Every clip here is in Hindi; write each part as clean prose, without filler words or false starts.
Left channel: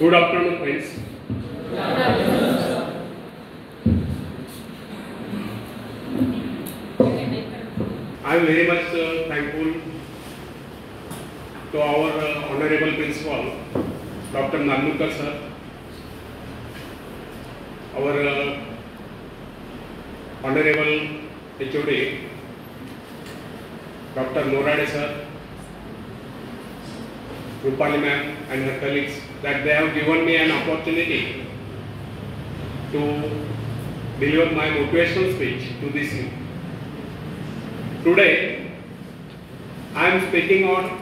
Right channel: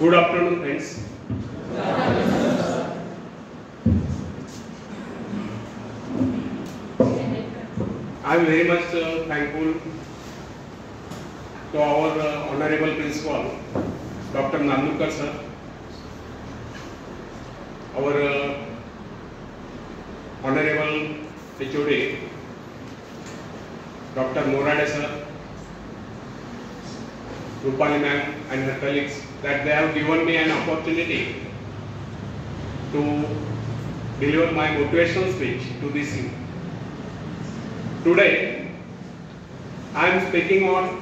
Good afternoon, friends. I am very much thankful to our Honorable Principal, Dr. Nandukar sir, our Honorable HOD, Dr. Norade sir, Rupali ma'am and her colleagues, that they have given me an opportunity to deliver my motivational speech to this youth. Today, I am speaking on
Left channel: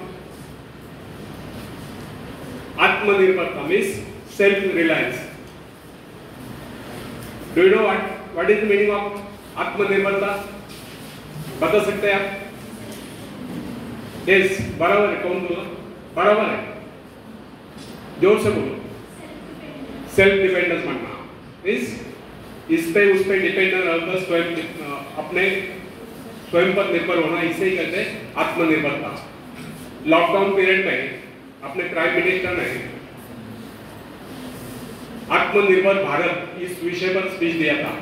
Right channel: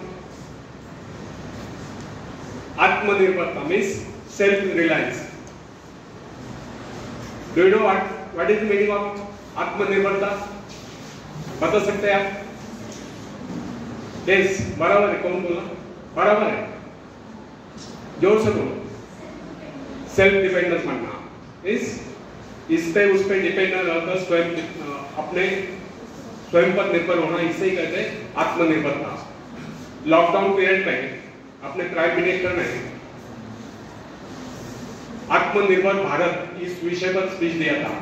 Atmanirbharta, means self-reliance. Do you know what is the meaning of Atmanirbharta? बता सकते हैं आप? Yes, बराबर है, कौन बोला? बराबर है, जोर से बोलो। सेल्फ डिपेंडेंस मानना, इस पे उस पे डिपेंड न रहकर स्वयं अपने स्वयं पर निर्भर होना, इसे ही कहते हैं आत्मनिर्भरता। लॉकडाउन पीरियड में अपने प्राइम मिनिस्टर ने आत्मनिर्भर भारत इस विषय पर स्पीच दिया था।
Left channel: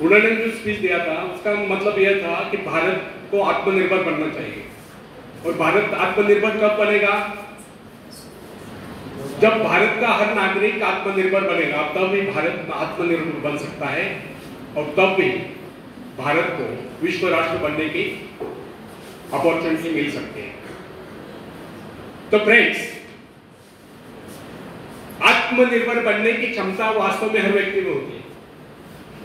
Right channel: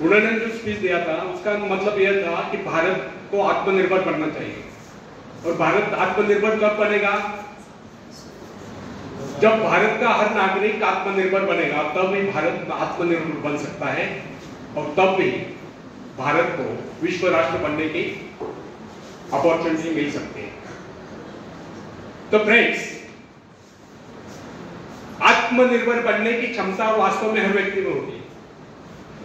उन्होंने जो स्पीच दिया था उसका मतलब यह था कि भारत को आत्मनिर्भर बनना चाहिए। और भारत आत्मनिर्भर कब बनेगा? जब भारत का हर नागरिक आत्मनिर्भर बनेगा, तब ही भारत आत्मनिर्भर बन सकता है और तब भी भारत को विश्व राष्ट्र बनने की अपॉर्चुनिटी मिल सकती है। तो फ्रेंड्स, आत्मनिर्भर बनने की क्षमता वास्तव में हर व्यक्ति में होती है,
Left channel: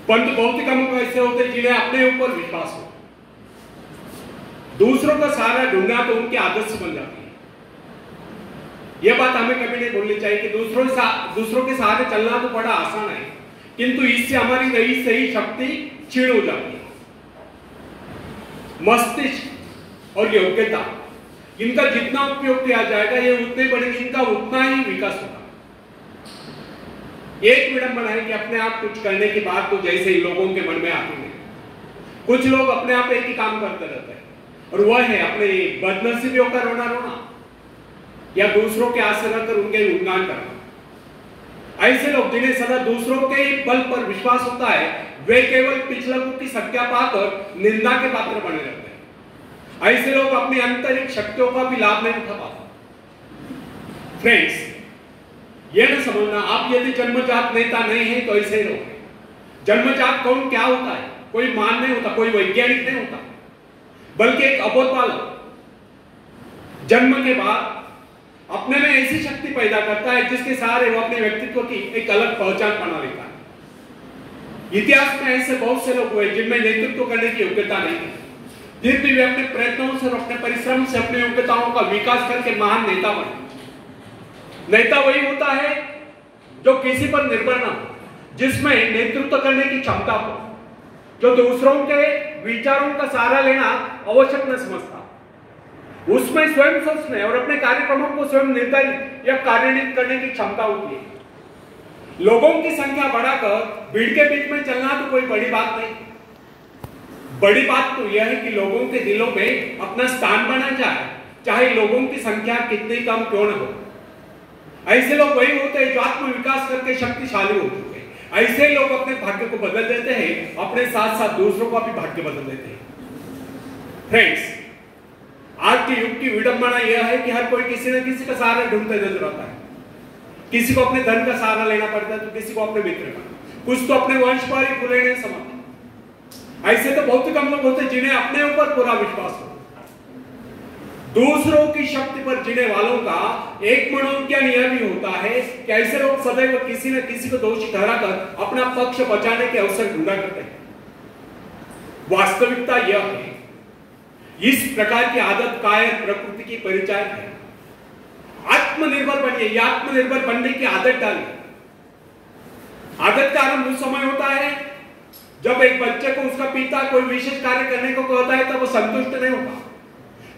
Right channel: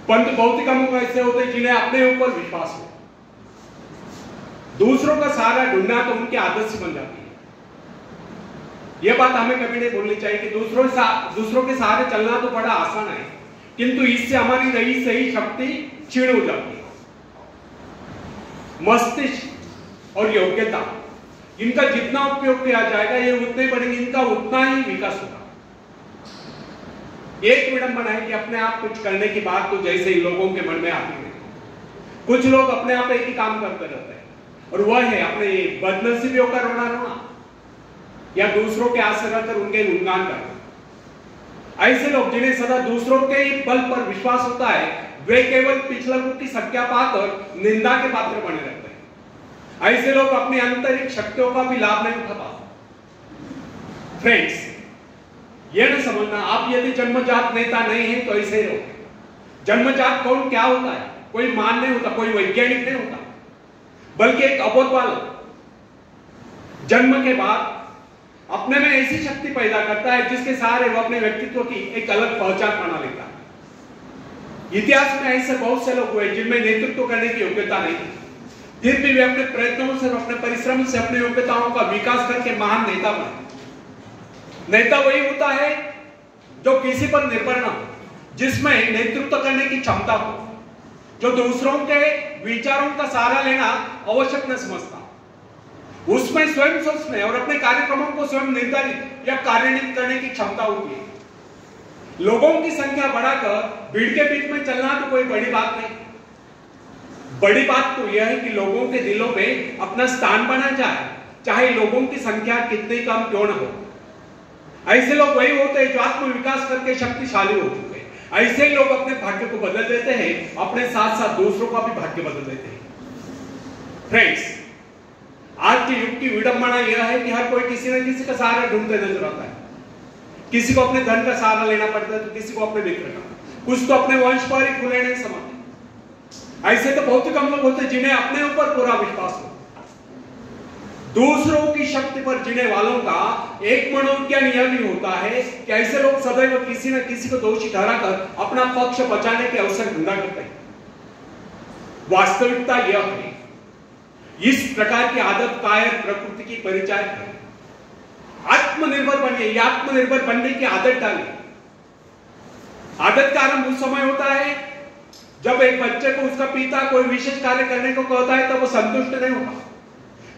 परंतु बहुत ही कम लोग ऐसे होते हैं जिन्हें अपने ऊपर विश्वास हो। दूसरों का सहारा ढूंढना तो उनकी आदत से बन जाती है। यह बात हमें कभी नहीं भूलनी चाहिए कि दूसरों के सहारे चलना तो बड़ा आसान है, किंतु इससे हमारी नई सही शक्ति क्षीण हो जाती है। मस्तिष्क और योग्यता, इनका जितना उपयोग किया जाएगा ये उतने बढ़ेंगे, इनका उतना ही विकास होगा। एक विडंबना है कि अपने आप कुछ करने के बाद तो जैसे ही लोगों के मन में आती है, कुछ लोग अपने आप एक ही काम करते रहते हैं, और वह है अपने बदनसीबियों का रोना रोना या दूसरों के आस रहकर उनके गुणगान करना। ऐसे लोग जिन्हें सदा दूसरों के बल पर विश्वास होता है, वे केवल पिछलकों की संख्या पाकर निंदा के पात्र बने रहते हैं। ऐसे लोग अपनी आंतरिक शक्तियों का भी लाभ नहीं उठा पाते। फ्रेंड्स, यह न समझना आप यदि जन्मजात नेता नहीं है तो ऐसे ही रहोगे। जन्मजात कौन क्या होता है? कोई मान नहीं होता, कोई वैज्ञानिक नहीं होता, बल्कि एक अबोध बालक जन्म के बाद अपने में ऐसी शक्ति पैदा करता है जिसके सहारे वो अपने व्यक्तित्व की एक अलग पहचान बना लेता है। इतिहास में ऐसे बहुत से लोग हुए जिनमें नेतृत्व करने की योग्यता नहीं थी, फिर भी वे अपने प्रयत्नों से और अपने परिश्रम से अपने योग्यताओं का विकास करके महान नेता बने। नेता वही होता है जो किसी पर निर्भर न हो, जिसमें नेतृत्व करने की क्षमता हो, जो दूसरों के विचारों का सहारा लेना आवश्यक न समझता, उसमें स्वयं सोचने और अपने कार्यक्रमों को स्वयं निर्धारित या कार्यान्वित करने की क्षमता होती है। लोगों की संख्या बढ़ाकर भीड़ के बीच में चलना तो कोई बड़ी बात नहीं। बड़ी बात तो यह है कि लोगों के दिलों में अपना स्थान बना जाए, चाहे लोगों की संख्या कितनी कम क्यों न हो। ऐसे लोग वही होते हैं जो आत्म विकास करके शक्तिशाली हो चुके हैं। ऐसे लोग अपने भाग्य को बदल देते हैं, अपने साथ साथ दूसरों का भी भाग्य बदल देते हैं। फ्रेंड्स, आज के युग की विडंबना यह है कि हर कोई किसी न किसी का सहारा ढूंढते नजर आता है। किसी को अपने धन का सहारा लेना पड़ता है तो किसी को अपने मित्र का, कुछ तो अपने वंश पर ही खुले नहीं समझते। ऐसे तो बहुत ही कम लोग होते जिन्हें अपने ऊपर पूरा विश्वास हो। दूसरों की शक्ति पर जीने वालों का एक मनोविज्ञान यह भी होता है कि ऐसे लोग सदैव किसी न किसी को दोषी ठहराकर अपना पक्ष बचाने के अवसर ढूंढा करते हैं। वास्तविकता यह है, इस प्रकार की आदत कायर प्रकृति की परिचायक है। आत्मनिर्भर बनिए, या आत्मनिर्भर बनने की आदत डालिए। आदत का आरंभ उस समय होता है जब एक बच्चे को उसका पिता कोई विशेष कार्य करने को कहता है तो वो संतुष्ट नहीं होता,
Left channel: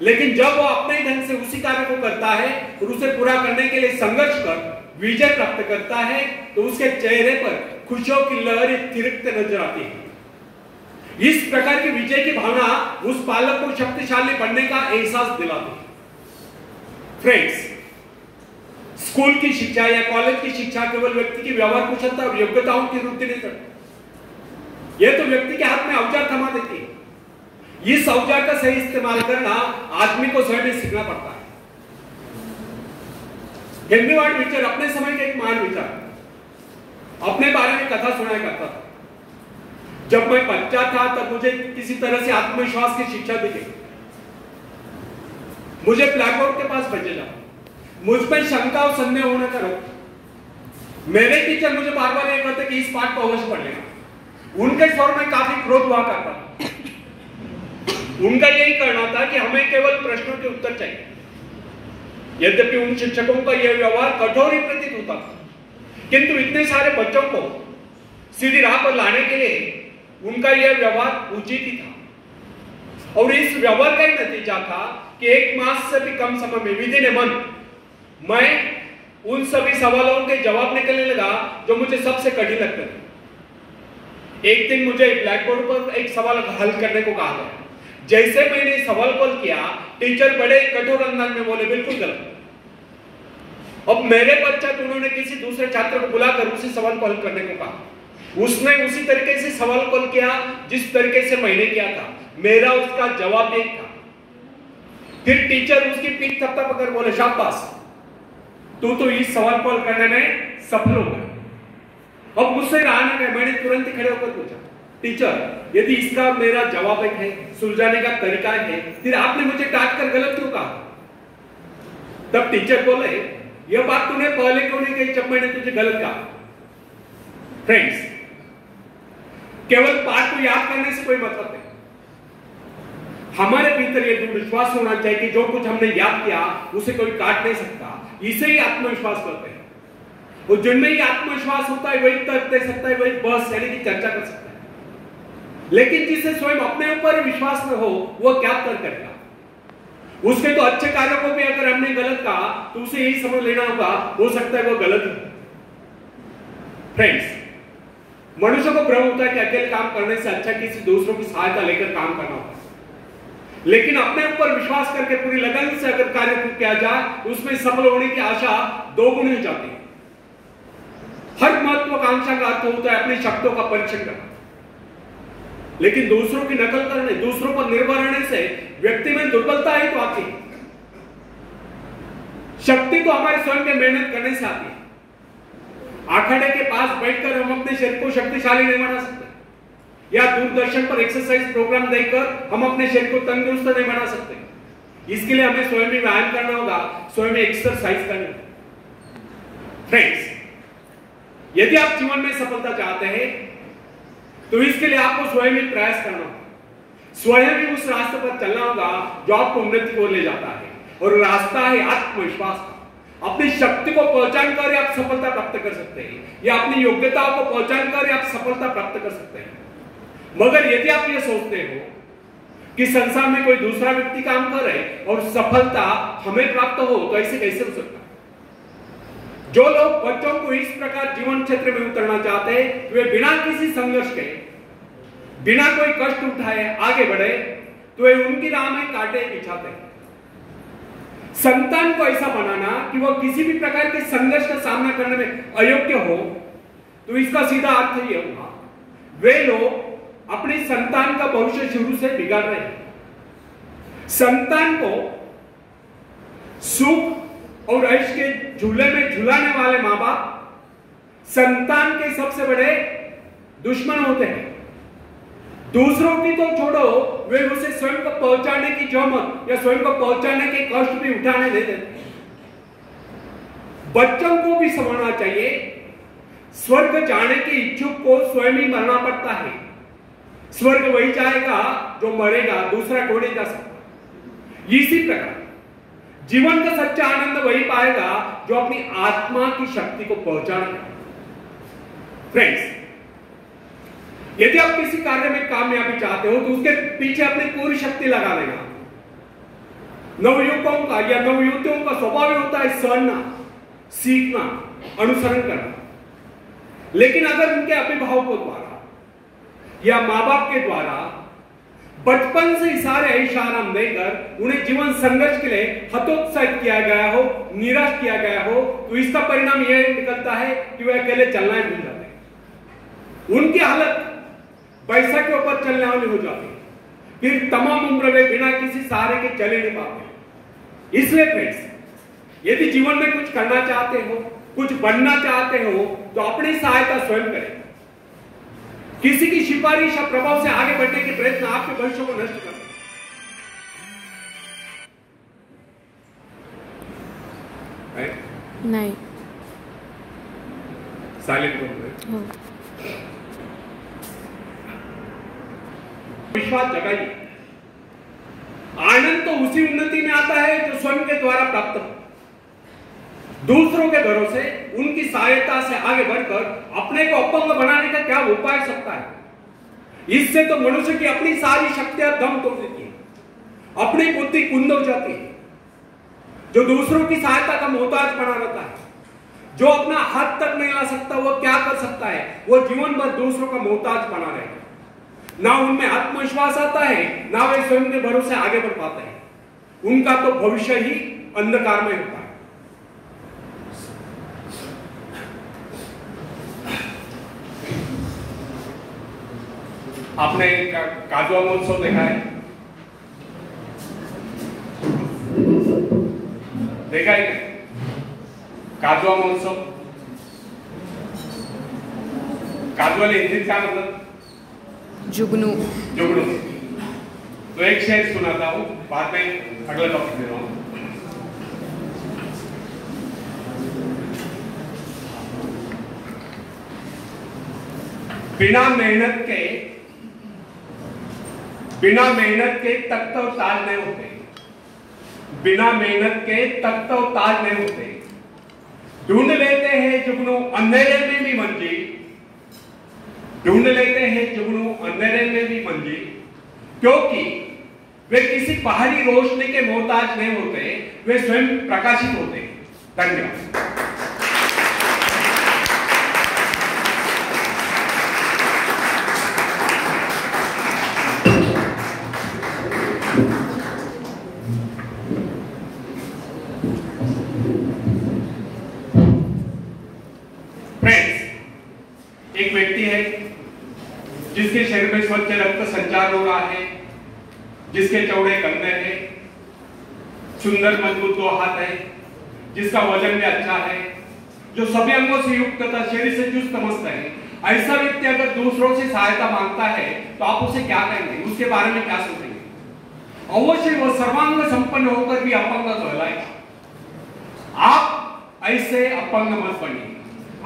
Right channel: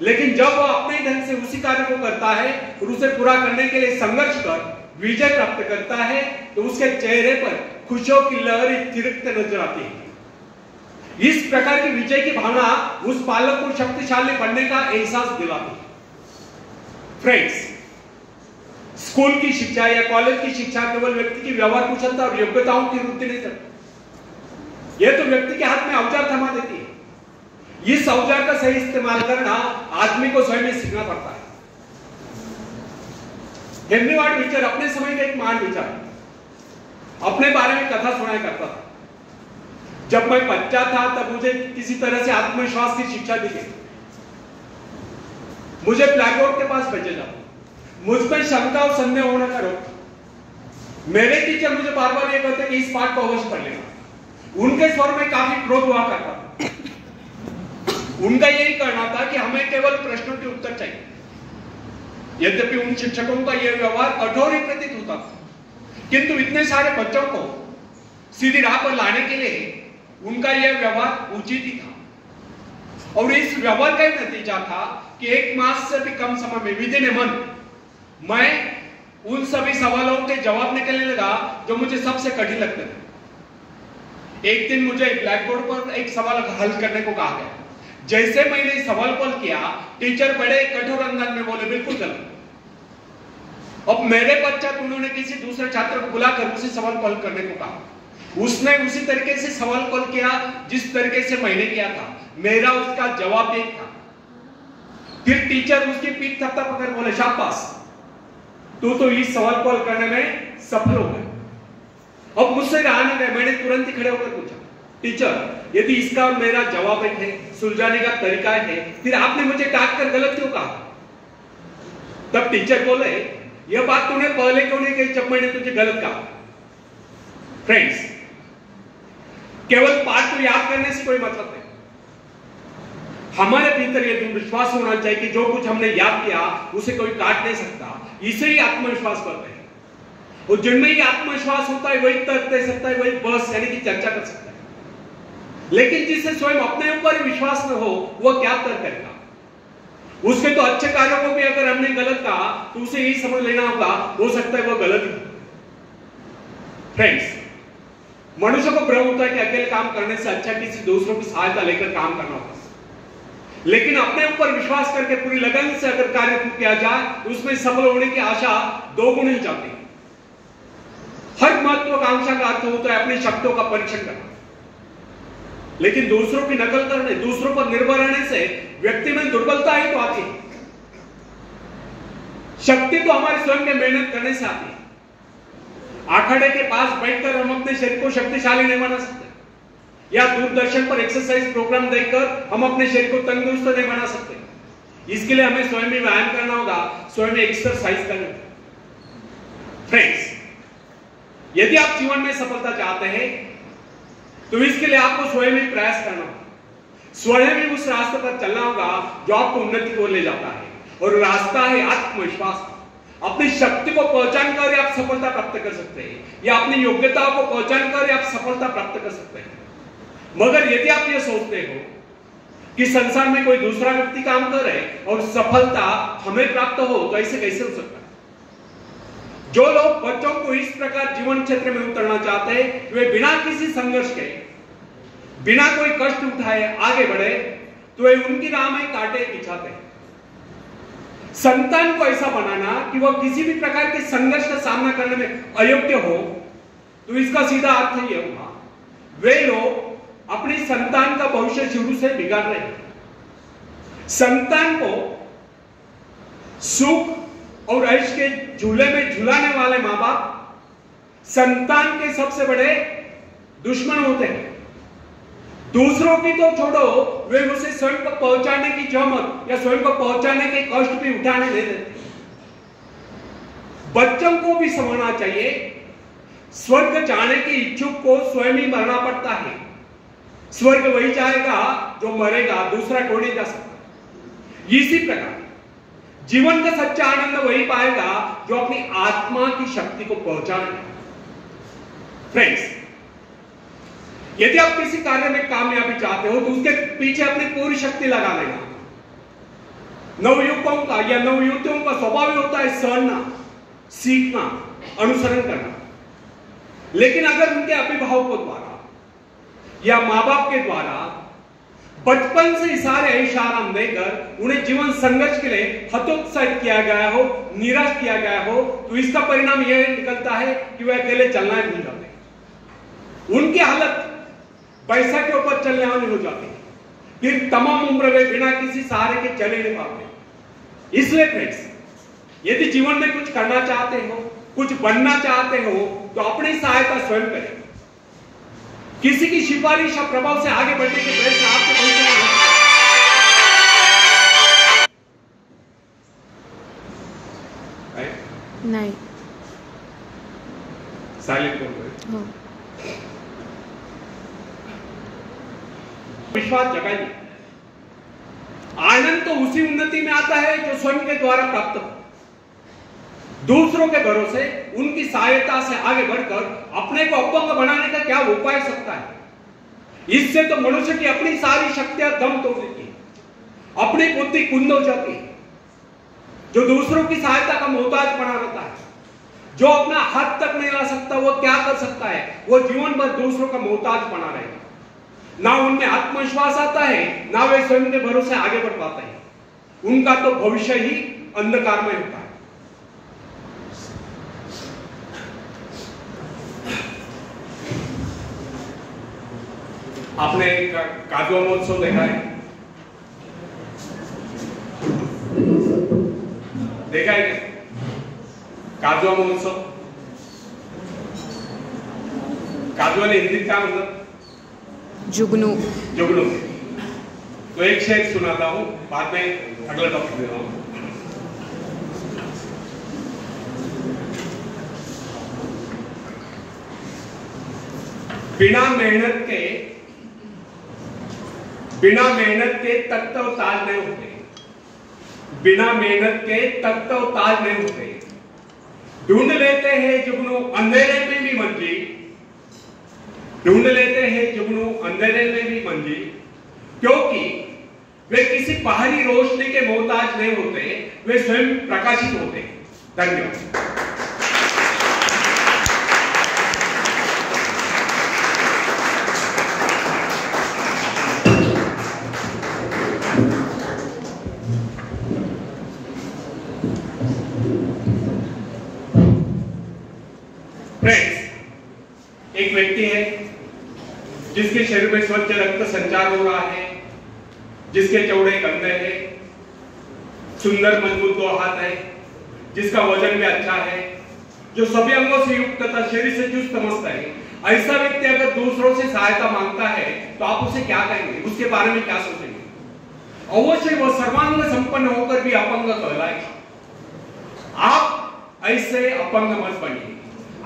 लेकिन जब वो अपने ढंग से उसी कार्य को करता है और उसे पूरा करने के लिए संघर्ष कर विजय प्राप्त करता है तो उसके चेहरे पर खुशियों की लहरें तिरकते नजर आती है। इस प्रकार की विजय की भावना उस बालक को शक्तिशाली बनने का एहसास दिलाती है। फ्रेंड्स, स्कूल की शिक्षा या कॉलेज की शिक्षा केवल व्यक्ति की व्यवहार कुशलता और योग्यताओं की वृद्धि नहीं करती। यह तो व्यक्ति के हाथ में औजार थमा देती है। इस औजार का सही इस्तेमाल करना आदमी को स्वयं ही सीखना पड़ता है। हेनरी वार्ड बीचर अपने समय के एक महान विचार अपने बारे में कथा सुनाया करता था। जब मैं बच्चा था तब मुझे किसी तरह से आत्मविश्वास की शिक्षा दी गई। मुझे ब्लैक बोर्ड के पास भेजा जाता, मुझ पर शंका और संदेह होना करो। मेरे टीचर मुझे बार बार ये कहते कि इस पाठ को अवश्य पढ़ लेना। उनके स्वर में काफी क्रोध हुआ करता था। उनका यही कहना था कि हमें केवल प्रश्नों के उत्तर चाहिए। यद्यपि उन शिक्षकों का यह व्यवहार कठोर ही प्रतीत होता था, किंतु इतने सारे बच्चों को सीधी राह पर लाने के लिए उनका यह व्यवहार उचित ही था। और इस व्यवहार का ही नतीजा था कि 1 मास से भी कम समय में विदिन ए मंथ मैं उन सभी सवालों के जवाब निकलने लगा जो मुझे सबसे कठिन लगते थे। एक दिन मुझे ब्लैक बोर्ड पर एक सवाल हल करने को कहा गया। जैसे मैंने सवाल हल किया, टीचर बड़े कठोर अंदाज में बोले, बिल्कुल गलत। अब मेरे पश्चात उन्होंने किसी दूसरे छात्र को बुलाकर उसी सवाल को हल करने को कहा। उसने उसी तरीके से सवाल हल किया जिस तरीके से मैंने किया था। मेरा उसका जवाब एक था। फिर टीचर उसकी पीठ थपथपाकर बोले, शाबाश, तू तो इस सवाल को हल करने में सफल हो गया। अब मुझसे रहा न गया, मैंने तुरंत ही खड़े होकर पूछा, टीचर, यदि इसका और मेरा जवाब एक है, सुलझाने का तरीका है, फिर आपने मुझे काट कर गलत क्यों कहा? तब टीचर बोले, यह बात तूने पहले क्यों नहीं कही जब मैंने तुझे गलत कहा? फ्रेंड्स, केवल पाठ को याद करने से कोई मतलब नहीं। हमारे भीतर यह दृढ़ विश्वास होना चाहिए कि जो कुछ हमने याद किया उसे कोई काट नहीं सकता। इसे ही आत्मविश्वास करते हैं। और जिनमें ही आत्मविश्वास होता है वही तर्क दे सकता है, वही बहस यानी कि चर्चा कर सकता है। लेकिन जिसे स्वयं अपने ऊपर ही विश्वास न हो, वह क्या तर्क करेगा? उसके तो अच्छे कार्यों को भी अगर हमने गलत कहा तो उसे यही समझ लेना होगा, हो सकता है वह गलत है। फ्रेंड्स, मनुष्य को भ्रम होता है कि अकेले काम करने से अच्छा किसी दूसरों की सहायता लेकर काम करना होगा। लेकिन अपने ऊपर विश्वास करके पूरी लगन से अगर कार्य किया जाए तो उसमें सफल होने की आशा दोगुनी हो जाती है। हर महत्वाकांक्षा का अर्थ होता है अपनी शक्तियों का परीक्षण करना। लेकिन दूसरों की नकल करने, दूसरों पर निर्भर रहने से व्यक्ति में दुर्बलता ही तो आती है। शक्ति तो हमारे स्वयं के मेहनत करने से आती है। अखाड़े के पास बैठकर हम अपने शरीर को शक्तिशाली नहीं बना सकते, या दूरदर्शन पर एक्सरसाइज प्रोग्राम देखकर हम अपने शरीर को तंदुरुस्त नहीं बना सकते। इसके लिए हमें स्वयं ही व्यायाम करना होगा, स्वयं एक्सरसाइज करना होगा। फ्रेंड्स, यदि आप जीवन में सफलता चाहते हैं तो इसके लिए आपको स्वयं ही प्रयास करना होगा। स्वयं ही उस रास्ते पर चलना होगा जो आपको उन्नति की ओर ले जाता है। और रास्ता है आत्मविश्वास का। अपनी शक्ति को पहचान कर आप सफलता प्राप्त कर सकते हैं, या अपनी योग्यताओं को पहचान कर आप सफलता प्राप्त कर सकते हैं। मगर यदि आप ये सोचते हो कि संसार में कोई दूसरा व्यक्ति काम कर रहे और सफलता हमें प्राप्त हो, तो ऐसे कैसे हो सकता है? जो लोग बच्चों को इस प्रकार जीवन क्षेत्र में उतरना चाहते हैं, वे बिना किसी संघर्ष के, बिना कोई कष्ट उठाए आगे बढ़े, तो वे उनकी राह में कांटे बिछाते हैं। संतान को ऐसा बनाना कि वह किसी भी प्रकार के संघर्ष का सामना करने में अयोग्य हो, तो इसका सीधा अर्थ यह होगा, वे लोग अपनी संतान का भविष्य शुरू से बिगाड़ रहे हैं। संतान को सुख और ऐश के झूले में झुलाने वाले मां बाप संतान के सबसे बड़े दुश्मन होते हैं। दूसरों की तो छोड़ो, वे उसे स्वयं को पहुंचाने की जहमत या स्वयं को पहुंचाने के कष्ट भी उठाने नहीं देते। बच्चों को भी समझना चाहिए, स्वर्ग जाने के इच्छुक को स्वयं ही मरना पड़ता है। स्वर्ग वही जाएगा जो मरेगा, दूसरा कोई नहीं जा सकता। इसी प्रकार जीवन का सच्चा आनंद वही पाएगा जो अपनी आत्मा की शक्ति को पहचानेगा। फ्रेंड्स, यदि आप किसी कार्य में कामयाबी चाहते हो तो उसके पीछे अपनी पूरी शक्ति लगा देगा। नवयुवकों का या नवयुवतियों का स्वभाव होता है सड़ना, सीखना, अनुसरण करना। लेकिन अगर उनके अभिभावकों द्वारा या मां बाप के द्वारा बचपन से सारे ऐश आराम देकर उन्हें जीवन संघर्ष के लिए हतोत्साहित निरुत्साहित किया गया हो, निराश किया गया हो, तो इसका परिणाम यह निकलता है कि वे अकेले चलना ही भूल जाते हैं। उनकी हालत पैसा के ऊपर चलने वाली हो जाती है। फिर तमाम उम्र वे बिना किसी सहारे के चले नहीं पाते। इसलिए फ्रेंड्स, यदि जीवन में कुछ करना चाहते हो, कुछ बनना चाहते हो, तो अपनी सहायता स्वयं करें। किसी की सिफारिश या प्रभाव से आगे बढ़ने के प्रयत्न आपके भविष्य में होते हैं। नहीं, साइलेंट बोल रहे हो। विश्वास जगाइए। आनंद तो उसी उन्नति में आता है जो स्वयं के द्वारा प्राप्त हो। दूसरों के भरोसे, उनकी सहायता से आगे बढ़कर अपने को अपंग बनाने का क्या उपाय सकता है? इससे तो मनुष्य की अपनी सारी शक्तियां दम तोड़ देती है, अपनी बुद्धि कुंद हो जाती है। जो दूसरों की सहायता का मोहताज बना रहता है, जो अपना हाथ तक नहीं ला सकता, वो क्या कर सकता है? वो जीवन भर दूसरों का मोहताज बना रहेगा। ना उनमें आत्मविश्वास आता है, ना वे स्वयं के भरोसे आगे बढ़ पाते हैं। उनका तो भविष्य ही अंधकार में होता है। आपने काजवा महोत्सव देखा है? देखा है काजवा महोत्सव? काजवा ने हिंदी क्या मतलब? जुगनू। जुगनू। तो एक शेर सुनाता हूं, बाद में अगला टॉपिक दे रहा हूं। बिना मेहनत के तख्त और ताज नहीं होते। बिना मेहनत के तख्त और ताज नहीं होते। ढूंढ लेते हैं जुगनू अंधेरे में भी मंजिल, ढूंढ लेते हैं जुगनू अंधेरे में भी मंजिल, क्योंकि वे किसी बाहरी रोशनी के मोहताज नहीं होते, वे स्वयं प्रकाशित होते। धन्यवाद। एक व्यक्ति है जिसके शरीर में स्वच्छ रक्त संचार हो रहा है, जिसके चौड़े कंधे हैं, सुंदर मजबूत दो हाथ है, जिसका वजन भी अच्छा है, जो सभी अंगों से युक्त तथा शरीर से चुस्त मस्त है। ऐसा व्यक्ति अगर दूसरों से सहायता मांगता है तो आप उसे क्या कहेंगे? उसके बारे में क्या सोचेंगे? अवश्य वह सर्वांग संपन्न होकर भी अपंग कहलाए। आप ऐसे अपंग मत बनिए।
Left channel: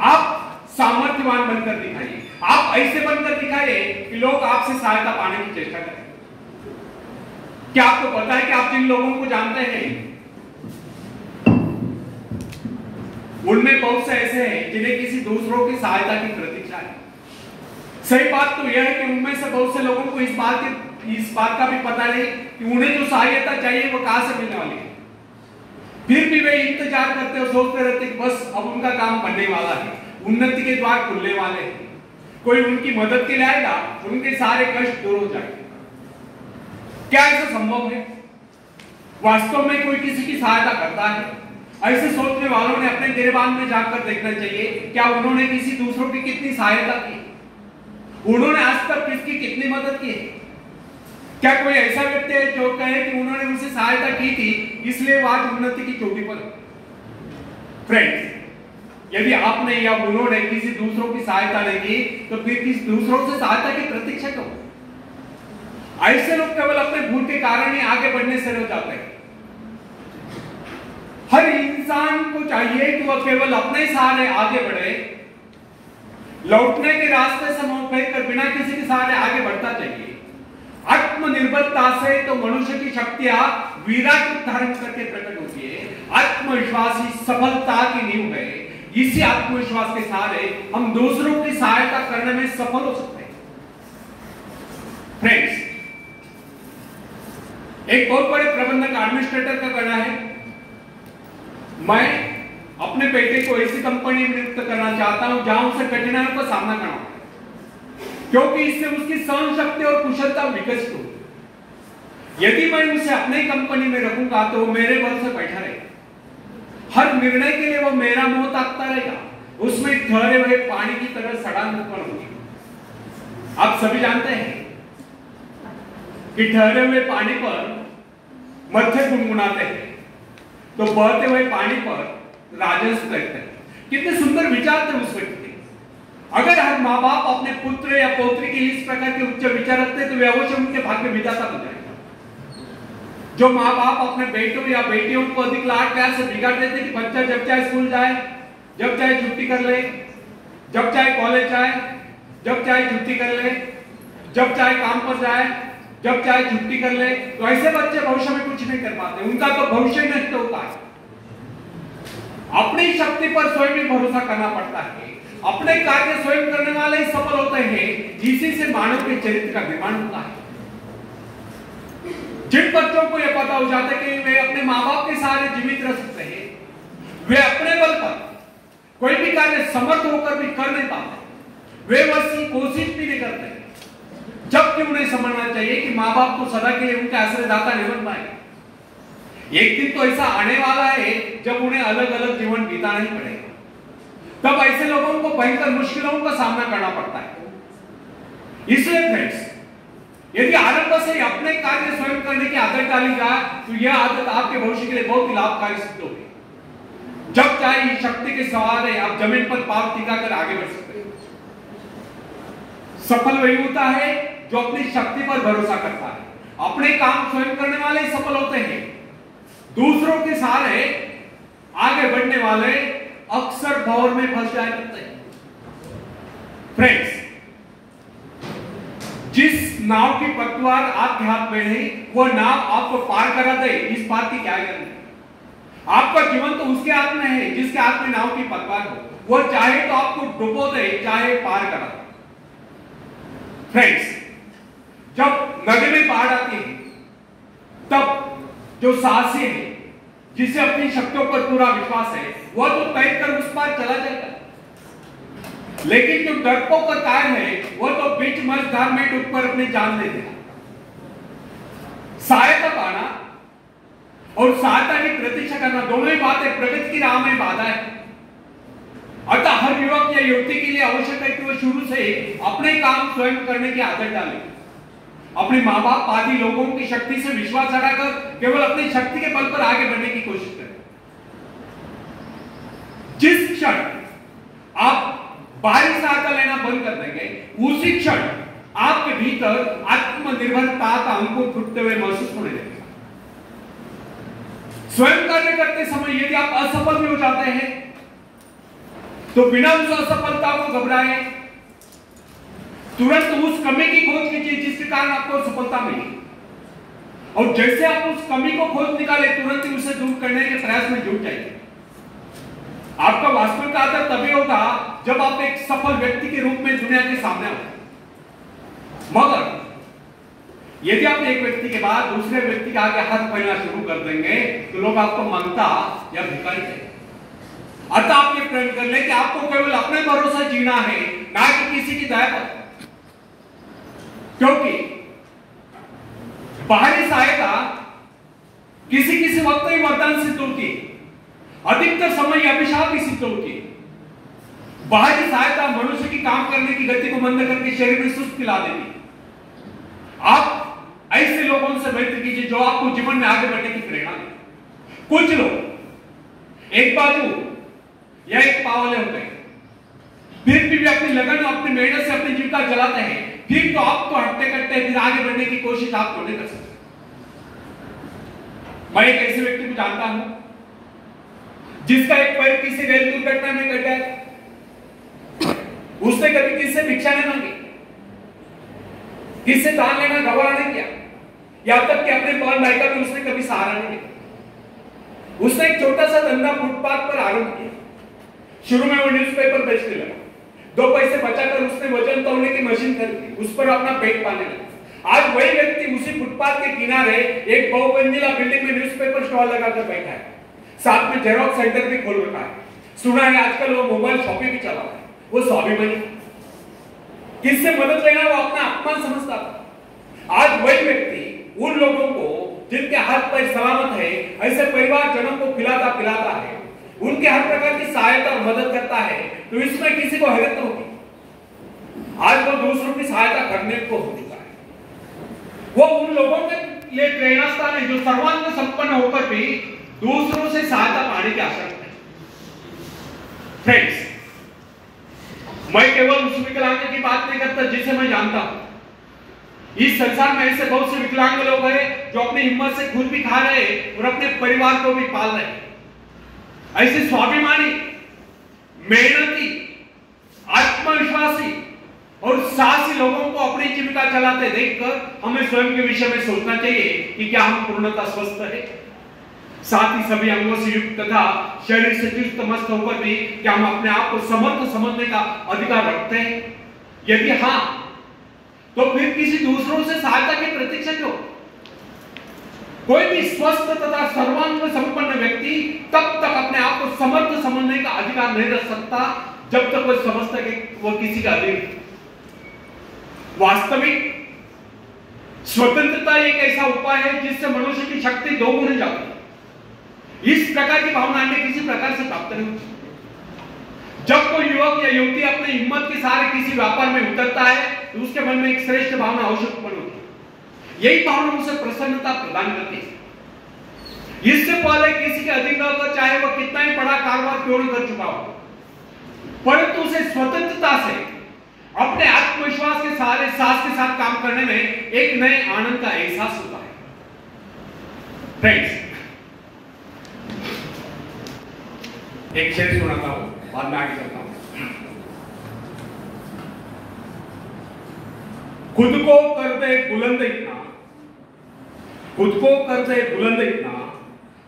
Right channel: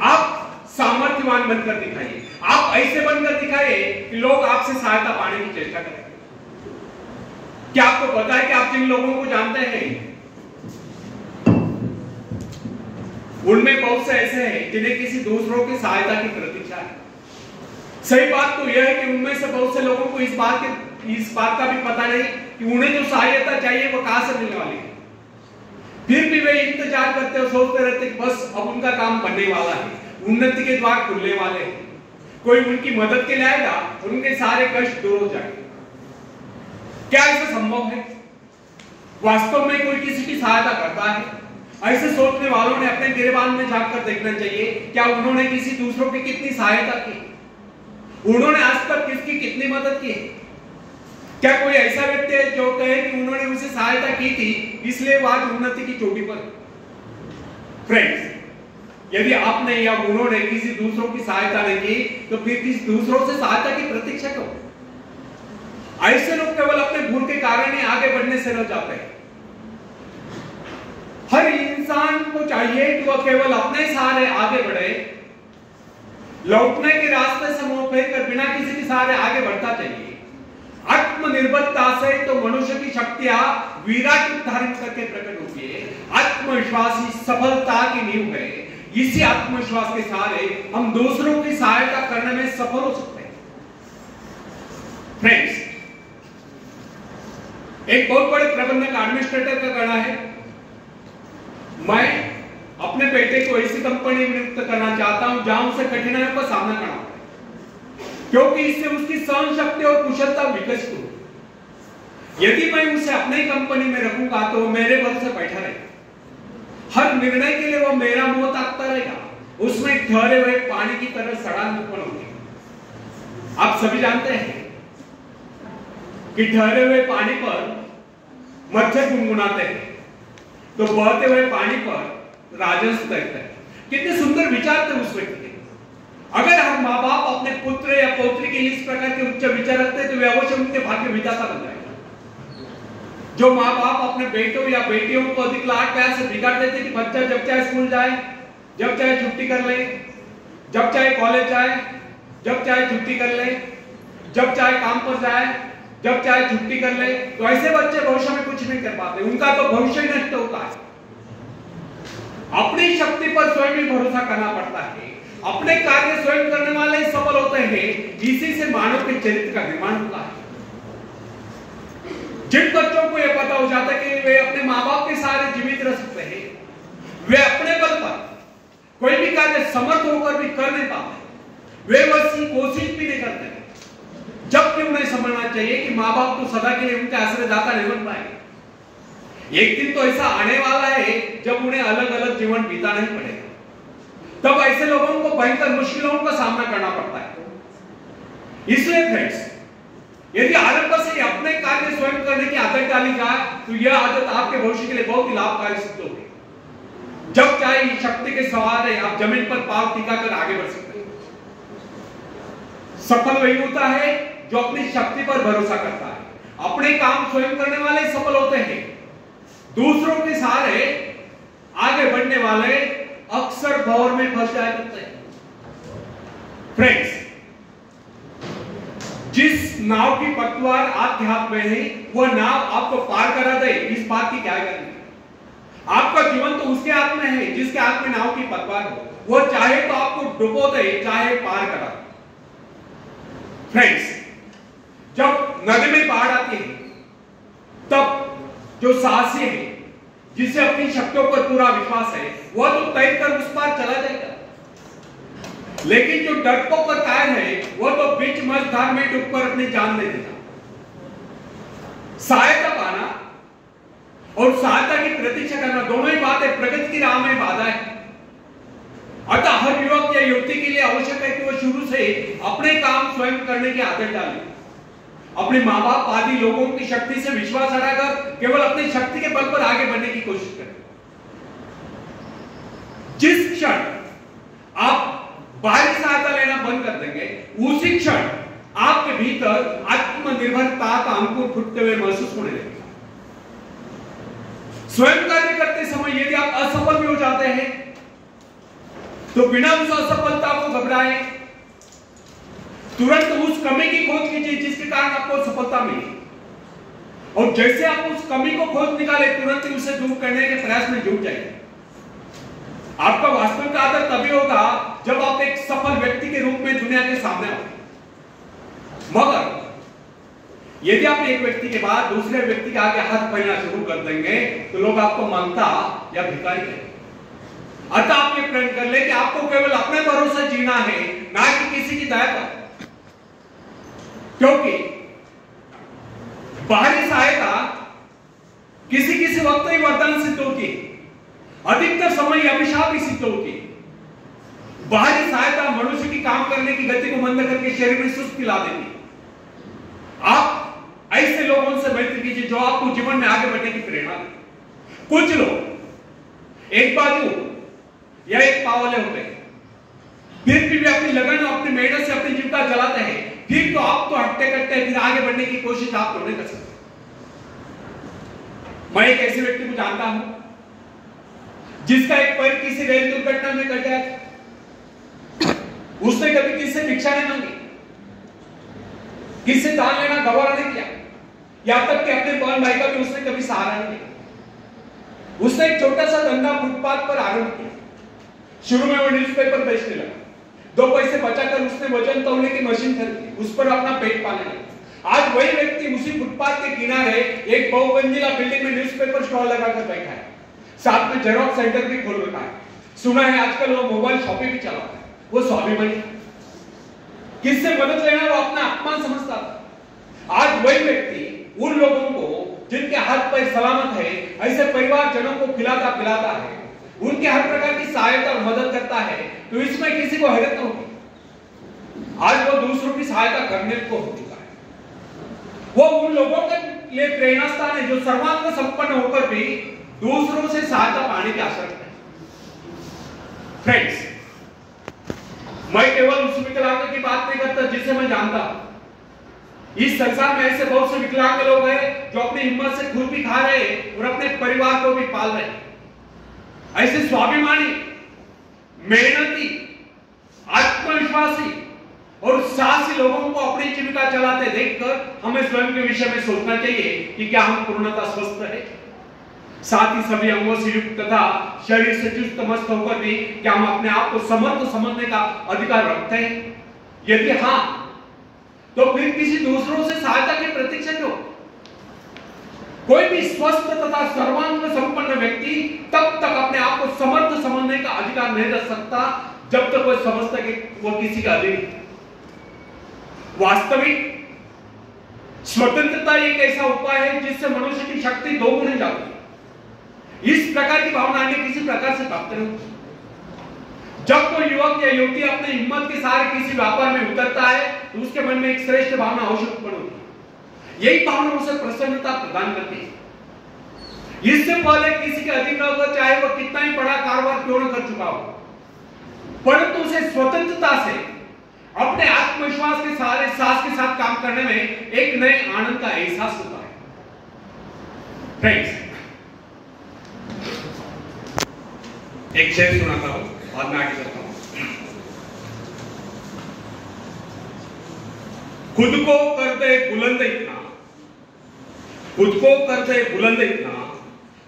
आप सामर्थ्यवान बनकर दिखाइए। आप ऐसे बनकर दिखाइए कि लोग आपसे सहायता पाने की चेष्टा करें। क्या आपको पता है कि आप जिन लोगों को जानते हैं उनमें बहुत से ऐसे हैं जिन्हें किसी दूसरों की सहायता की प्रतीक्षा है। सही बात तो यह है कि उनमें से बहुत से लोगों को इस बात का भी पता नहीं कि उन्हें जो सहायता चाहिए वो कहां से मिलने वाली है। फिर भी वे इंतजार करते और सोचते रहते कि बस अब उनका काम बनने वाला है, उन्नति के द्वार खुलने वाले हैं, कोई उनकी मदद के लिए आएगा, उनके सारे कष्ट दूर हो जाएंगे। क्या ऐसा संभव है? वास्तव में कोई किसी की सहायता करता है? ऐसे सोचने वालों ने अपने गिरबान में जाकर देखना चाहिए, क्या उन्होंने किसी दूसरों की कितनी सहायता की? उन्होंने आज तक किसकी कितनी मदद की? क्या कोई ऐसा व्यक्ति है जो कहे कि उन्होंने उनसे सहायता की थी इसलिए वो आज उन्नति की चोटी पर है? फ्रेंड्स, यदि आपने या उन्होंने किसी दूसरों की सहायता नहीं की तो फिर किस दूसरों से सहायता की प्रतीक्षा क्यों? ऐसे लोग केवल अपने भूल के कारण ही आगे बढ़ने से रह जाते हैं। हर इंसान को चाहिए कि वह केवल अपने सहारे आगे बढ़े, लौटने के रास्ते से मुंह फेर कर बिना किसी के सहारे आगे बढ़ता चाहिए। आत्मनिर्भरता से तो मनुष्य की शक्तियां विराट रूप धारण करके प्रकट होती है। आत्मविश्वास ही सफलता की नींव है। इसी आत्मविश्वास के सहारे हम दूसरों की सहायता करने में सफल हो सकते हैं। फ्रेंड्स, एक बहुत बड़े प्रबंधक एडमिनिस्ट्रेटर का कहना है, मैं अपने बेटे को ऐसी कंपनी में नियुक्त करना चाहता हूं जहां उसे कठिनाइयों का सामना करना पड़े, क्योंकि इससे उसकी सहन शक्ति और कुशलता विकसित हो। यदि मैं उसे अपनी कंपनी में रखूंगा तो मेरे बल से बैठा रहेगा। निर्णय के लिए वो मेरा मुंह ताकता रहेगा, उसमें ठहरे हुए पानी की तरह सड़ान उत्पन्न होगी। आप सभी जानते हैं कि ठहरे हुए पानी पर मच्छर गुनगुनाते हैं तो बहते हुए पानी पर राजहंस तैरते हैं। कितने सुंदर विचार थे उस व्यक्ति के। अगर हर माँ बाप अपने पुत्र या पौत्री के लिए इस प्रकार के उच्च विचार रखते तो वे अवश्य उनके भाग्य विधाता बन जाएगा। जो माँ बाप अपने बेटों या बेटियों को अधिक लाड प्यार से बिगाड़ देते कि बच्चा जब चाहे स्कूल जाए, जब चाहे छुट्टी कर ले, जब चाहे कॉलेज जाए, जब चाहे छुट्टी कर ले, जब चाहे काम पर जाए, जब चाहे छुट्टी कर ले, तो ऐसे बच्चे भविष्य में कुछ नहीं कर पाते, उनका तो भविष्य नष्ट होता है। अपनी शक्ति पर स्वयं ही भरोसा करना पड़ता है। अपने कार्य स्वयं करने वाले ही सफल होते हैं। इसी से मानव के चरित्र का निर्माण होता है। जिन बच्चों को यह पता हो जाता है कि वे अपने माँ बाप के सहारे जीवित रह सकते हैं, वे अपने बल पर कोई भी कार्य समर्थ होकर भी कर नहीं पाते, वे वैसी कोशिश भी नहीं करते, जबकि उन्हें समझना चाहिए कि माँ बाप तो सदा के लिए उनके आश्रयदाता नहीं बन पाए। एक दिन तो ऐसा आने वाला है जब उन्हें अलग अलग जीवन बिताना ही पड़ेगा। तब ऐसे लोगों को भयंकर मुश्किलों का सामना करना पड़ता है। इसलिए फ्रेंड्स, यदि आरंभ से अपने कार्य स्वयं करने की आदत डाली जाए तो यह आदत आपके भविष्य के लिए बहुत ही लाभकारी सिद्ध होगी। जब चाहे शक्ति के सहारे आप जमीन पर पांव टिकाकर आगे बढ़ सकते हैं। सफल वही होता है जो अपनी शक्ति पर भरोसा करता है। अपने काम स्वयं करने वाले सफल होते हैं। दूसरों के सहारे आगे बढ़ने वाले अक्सर भंवर में फंस जाया करते हैं। फ्रेंड्स, जिस नाव की पतवार आपके हाथ में है वह नाव आपको पार करा दे, इस बात की क्या गारंटी? आपका जीवन तो उसके हाथ में है जिसके हाथ में नाव की पतवार हो। वह चाहे तो आपको डुबो दे, चाहे पार करा दे। फ्रेंड्स, जब नदी में बाढ़ आती है तब जो साहसी है, जिसे अपनी शक्तियों पर पूरा विश्वास है, वह तो तैरकर उस पार चला जाएगा। लेकिन जो डरपोक और कायर है वह तो बीच मझधार में डूबकर अपनी जान दे देगा। सहायता पाना और सहायता की प्रतीक्षा करना दोनों ही बातें प्रगति की राह में बाधा है। अतः हर युवक या युवती के लिए आवश्यक है कि वह शुरू से अपने काम स्वयं करने की आदत डाले। अपने माँ बाप आदि लोगों की शक्ति से विश्वास हटाकर केवल अपनी शक्ति के बल पर आगे बढ़ने की कोशिश करें। जिस क्षण आप बाहरी सहायता लेना बंद कर देंगे, उसी क्षण आपके भीतर आत्मनिर्भरता का अंकुर फूटते हुए महसूस होने लगेगा। स्वयं कार्य करते समय यदि आप असफल भी हो जाते हैं तो बिना उस असफलता को घबराए, तुरंत उस कमी की खोज कीजिए जिसके कारण आपको सफलता मिली, और जैसे आप उस कमी को खोज निकाले तुरंत ही उसे दूर करने के प्रयास में जुट जाइए। आपका वास्तविक आदर तभी होगा जब आप एक सफल व्यक्ति के रूप में दुनिया के सामने हो। मगर यदि आप एक व्यक्ति के बाद दूसरे व्यक्ति के आगे हाथ फैलाना शुरू कर देंगे तो लोग आपको मांगता या भिखारी कहेंगे। अतः आप ये प्रण कर ले कि आपको केवल अपने भरोसे जीना है, ना कि किसी की दया पर। क्योंकि बाहरी सहायता किसी किसी वक्त ही वरदान सिद्ध होती है, अधिकतर समय अभिशाप ही सिद्ध होती है। बाहरी सहायता मनुष्य की काम करने की गति को मंद करके शरीर में सुस्ती ला देती है। आप ऐसे लोगों से मैत्री कीजिए जो आपको जीवन में आगे बढ़ने की प्रेरणा दे। कुछ लोग एक बाजू या एक पाव वाले होते हैं, फिर भी अपनी लगन और अपनी मेहनत से अपनी जीविका चलाते हैं, फिर तो आप तो हट्टे कट्टे फिर आगे बढ़ने की कोशिश आप तो नहीं कर सकते। मैं एक ऐसे व्यक्ति को जानता हूं जिसका एक पैर किसी रेल दुर्घटना में कट गया। उसने कभी किससे भिक्षा नहीं मांगी, किससे दान लेना गवारा नहीं किया, यहां तक कि अपने बहन भाई का भी उसने कभी सहारा नहीं दिया। उसने एक छोटा सा धंधा फुटपाथ पर आरंभ किया। शुरू में वो न्यूज़पेपर बेचने लगा। 2 पैसे बचाकर उसने वजन तौलने की मशीन खरीदी, उस पर अपना पेट पालने लगा। आज वही व्यक्ति उसी फुटपाथ के किनारे एक बहुमंजिला बिल्डिंग में न्यूज़पेपर स्टॉल लगाकर बैठा है, साथ में जेरॉक्स सेंटर भी खोल रखा है। सुना है आजकल वो मोबाइल शॉपिंग भी चला है। वो स्वाभिमानी था, किससे मदद लेना वो अपना अपमान समझता था। आज वही व्यक्ति उन लोगों को जिनके हाथ पैर सलामत है, ऐसे परिवार जनों को खिलाता पिलाता है। उनके हर प्रकार की सहायता और मदद करता है, तो इसमें किसी को हैरत होगी। आज वो दूसरों की सहायता करने को हो चुका है। वो उन लोगों के लिए प्रेरणा स्थान है जो सर्वांग संपन्न होकर भी दूसरों से सहायता पाने की आशा रखते हैं। फ्रेंड्स, मैं केवल उस विकलांग की बात नहीं करता जिसे मैं जानता हूं। इस संसार में ऐसे बहुत से विकलांग लोग हैं जो अपनी हिम्मत से खुद भी खा रहे हैं और अपने परिवार को भी पाल रहे हैं। ऐसे स्वाभिमानी, मेहनती, आत्मविश्वासी और साहसी लोगों को अपनी जीविका चलाते देखकर हमें स्वयं के विषय में सोचना चाहिए कि क्या हम पूर्णतः स्वस्थ हैं, साथ ही सभी अंगों से युक्त तथा शरीर से चुस्त मस्त होकर भी क्या हम अपने आप को समर्थ समझने का अधिकार रखते हैं? यदि हां, तो फिर किसी दूसरों से सहायता की प्रतीक्षा क्यों? कोई भी स्वस्थ तथा सर्वांग संपन्न व्यक्ति तब तक अपने आप को समर्थ समझने का अधिकार नहीं रख सकता जब तक वह समझता है कि वह किसी का अधीन। वास्तविक स्वतंत्रता एक ऐसा उपाय है जिससे मनुष्य की शक्ति दोगुनी हो जाती है। इस प्रकार की भावना अन्य किसी प्रकार से प्राप्त नहीं होती। जब कोई युवक या युवती अपनी हिम्मत के सहारे किसी व्यापार में उतरता है तो उसके मन में एक श्रेष्ठ भावना अवश्य उत्पन्न होती है। यही भावना उसे प्रसन्नता प्रदान करती है। इससे पहले किसी के अधीन न होकर चाहे वह कितना ही बड़ा कारोबार क्यों न कर चुका हो, परंतु उसे स्वतंत्रता से अपने आत्मविश्वास के सहारे साहस के साथ काम करने में एक नए आनंद का एहसास होता है। फ्रेंड्स, एक शेर सुनाता हूं, बाद में आगे चलता हूं। खुद को कर दे बुलंद इतना, खुद को कर दे बुलंद इतना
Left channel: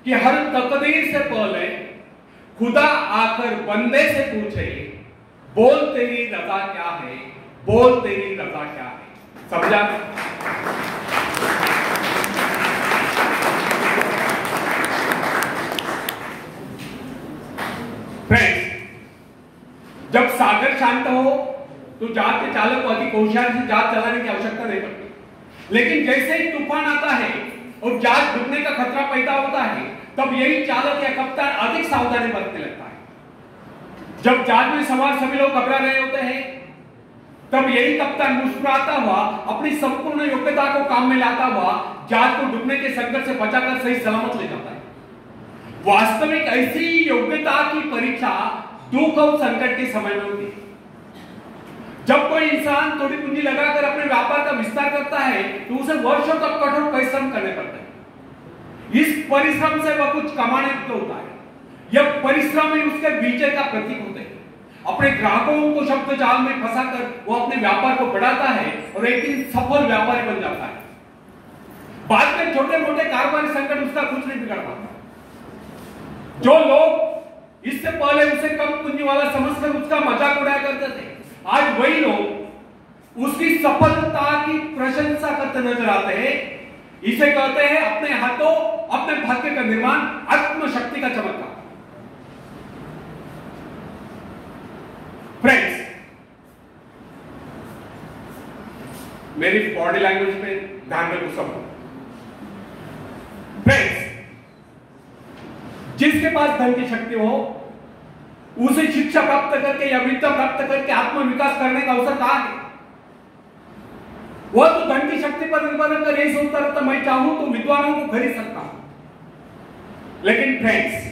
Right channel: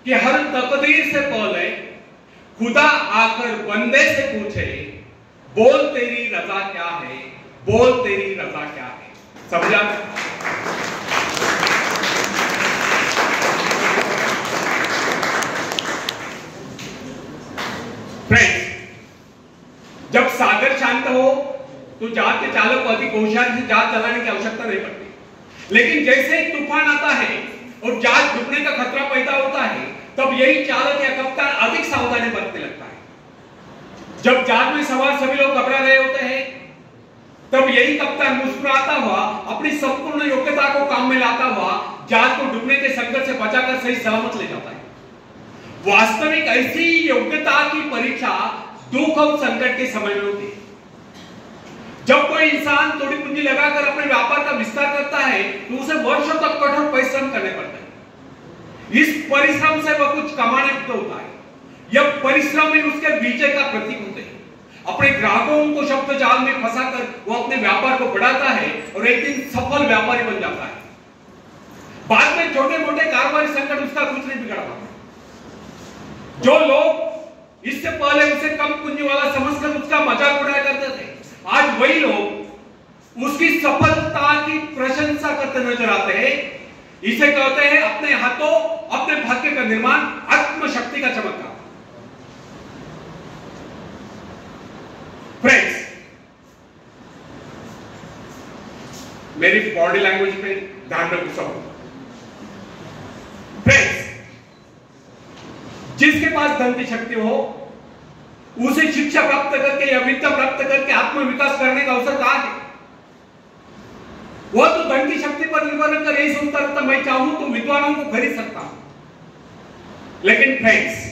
कि हर तकदीर से पहले खुदा आकर बंदे से पूछे, बोल तेरी रजा क्या है, बोल तेरी रजा क्या है। समझा? फ्रेंड्स, जब सागर शांत हो तो जहाज के चालक को अधिक होशियारी से जहाज चलाने की आवश्यकता नहीं पड़ती। लेकिन जैसे ही तूफान आता है और जहाज डूबने का खतरा पैदा होता है, तब यही चालक या कप्तान अधिक सावधानी बरतने लगता है। जब जहाज में सवार सभी लोग घबरा रहे होते हैं, तब यही कप्तान मुस्कुराता हुआ अपनी संपूर्ण योग्यता को काम में लाता हुआ जहाज को डूबने के संकट से बचाकर सही सलामत ले जाता है। वास्तविक ऐसी योग्यता की परीक्षा दुख और संकट के समय में होती है। जब कोई इंसान थोड़ी पूंजी लगाकर अपने व्यापार का विस्तार करता है तो उसे वर्षों तक कठोर परिश्रम करने पड़ते हैं। इस परिश्रम से वह कुछ कमाने को होता है। यह परिश्रम ही उसके विजय का प्रतीक होते हैं। अपने ग्राहकों को शब्द जाल में फंसाकर वो अपने व्यापार को बढ़ाता है और एक दिन सफल व्यापारी बन जाता है। बाद में छोटे मोटे कारोबारी संकट उसका कुछ नहीं बिगाड़ पाते। जो लोग इससे पहले उसे कम पूंजी वाला समझकर उसका मजाक उड़ाया करते थे, आज वही लोग उसकी सफलता की प्रशंसा करते नजर आते हैं। इसे कहते हैं अपने हाथों अपने भाग्य का निर्माण, आत्मशक्ति का चमत्कार। फ्रेंड्स, मेरी बॉडी लैंग्वेज पे ध्यान रखो सब। फ्रेंड्स, जिसके पास धन की शक्ति हो उसे शिक्षा प्राप्त करके या विद्या प्राप्त करके आत्मविकास करने का अवसर कहां है? वह तो धन की शक्ति पर निर्भर रहकर यही सोचता रहता, मैं चाहूं तो विद्वानों को खरीद सकता हूं। लेकिन फ्रेंड्स,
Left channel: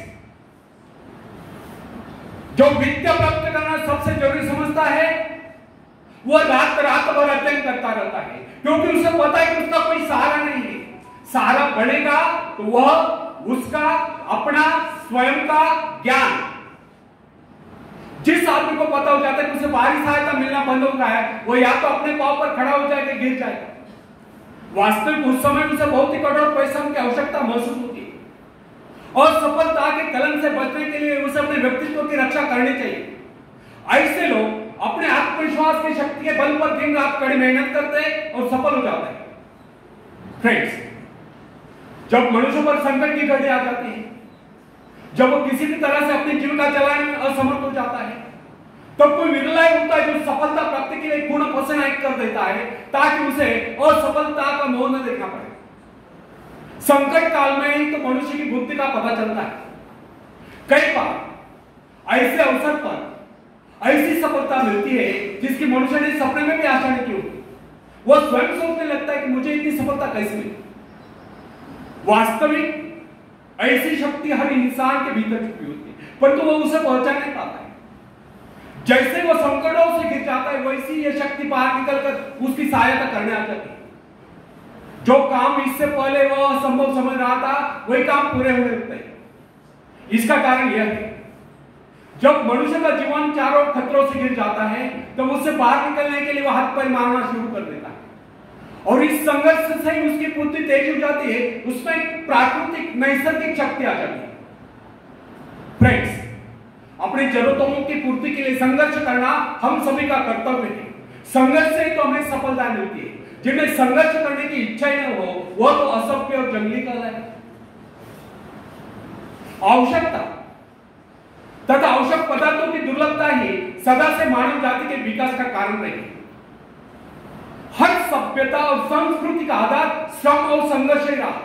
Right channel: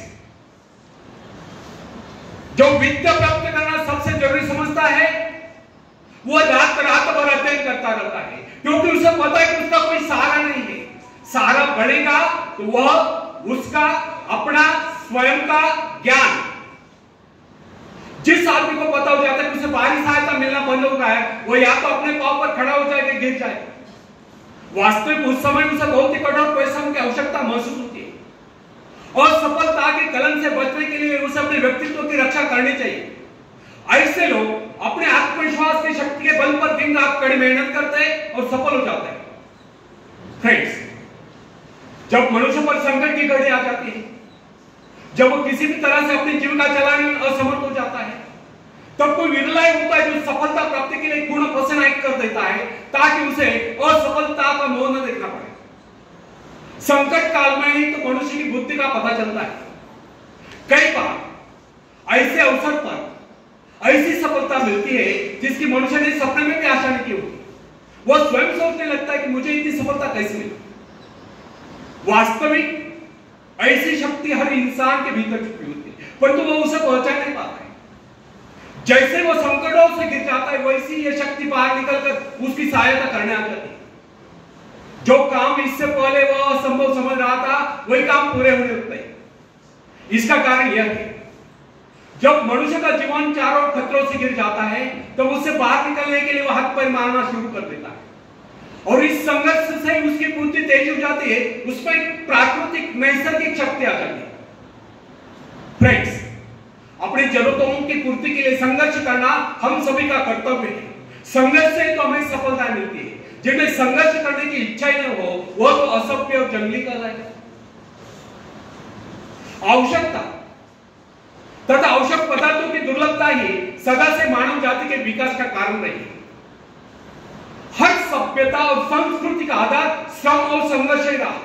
जो विद्या प्राप्त करना सबसे जरूरी समझता है, वह रात भर अध्ययन करता रहता है, क्योंकि उसे पता है कि उसका कोई सहारा नहीं है। सहारा बढ़ेगा तो वह उसका अपना स्वयं का ज्ञान। जिस आदमी को पता हो जाता है कि उसे बाहरी सहायता मिलना बंद हो गया है, वो या तो अपने पांव पर खड़ा हो जाएगा, गिर जाएगा। वास्तविक उस समय उसे बहुत ही कठोर परिश्रम की आवश्यकता महसूस होती है और सफलता के कलंक से बचने के लिए उसे अपने व्यक्तित्व की रक्षा करनी चाहिए। ऐसे लोग अपने आत्मविश्वास की शक्ति के बल पर दिन रात कड़ी मेहनत करते हैं और सफल हो जाते हैं। फ्रेंड्स, जब मनुष्य पर संकट की घड़ी आ जाती है, जब वो किसी भी तरह से अपनी जीविका चलाने में असमर्थ हो जाता है, तब कोई विरला होता है जो सफलता प्राप्ति के लिए पूर्ण पसीना एक कर देता है ताकि उसे असफलता का मोह न देखना पड़े। संकट काल में ही तो मनुष्य की बुद्धि का पता चलता है। कई बार ऐसे अवसर पर ऐसी सफलता मिलती है जिसकी मनुष्य ने सपने में भी आशा नहीं की होती। वह स्वयं सोचने लगता है कि मुझे इतनी सफलता कैसे मिली। वास्तविक ऐसी शक्ति हर इंसान के भीतर छुपी होती है, परंतु वह उसे पहुंचा नहीं पाता है। जैसे वो संकटों से गिर जाता है, वैसी यह शक्ति बाहर निकलकर उसकी सहायता करने आ जाती है। जो काम इससे पहले वह असंभव समझ रहा था, वही काम पूरे होने लगते हैं। इसका कारण यह है, जब मनुष्य का जीवन चारों खतरों से गिर जाता है, तब उससे बाहर निकलने के लिए वह हाथ पैर मारना शुरू कर देता है, और इस संघर्ष से ही उसकी पूर्ति तेज हो जाती है। उसमें प्राकृतिक नैसर्गिक शक्ति आ जाती है। फ्रेंड्स, अपनी जरूरतों की पूर्ति के लिए संघर्ष करना हम सभी का कर्तव्य है। संघर्ष से तो हमें सफलता मिलती है। जिनमें संघर्ष करने की इच्छा ही न हो, वह तो असभ्य और जंगली कर रहा है। आवश्यकता तथा आवश्यक पदार्थों की दुर्लभता ही सदा से मानव जाति के विकास का कारण रही है। हर सभ्यता और संस्कृति का आधार श्रम और संघर्ष ही रहा।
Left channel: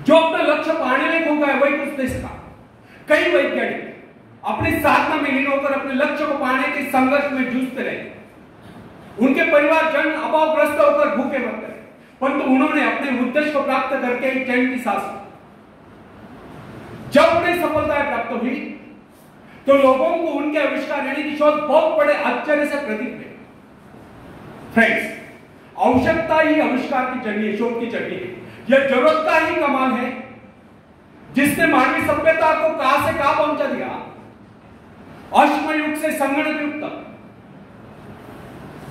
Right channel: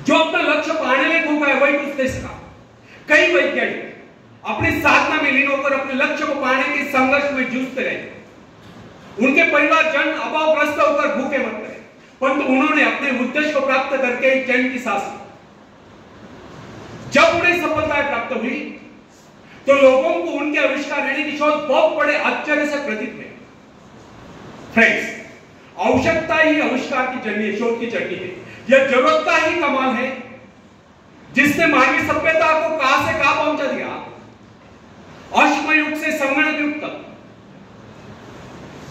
जो अपना लक्ष्य पाने में खो गया, वही कुछ दे सका। कई वैज्ञानिक अपनी साधना में लीन होकर अपने लक्ष्य को पाने के संघर्ष में जूझते रहे। उनके परिवारजन अभावग्रस्त होकर भूखे मरते रहे, परंतु उन्होंने अपने उद्देश्य को प्राप्त करके चैन की सांस ली। जब उन्हें सफलताएं प्राप्त हुई, तो लोगों को उनके आविष्कार यानी कि शोध बहुत बड़े आश्चर्य से प्रतीत हुए। फ्रेंड्स, आवश्यकता ही आविष्कार की जर्नी है, शोध की जर्नी है। यह जरूरत का ही कमाल है जिसने मानवीय सभ्यता को कहां से कहां पहुंचा दिया। अश्म युग से संगणक युग तक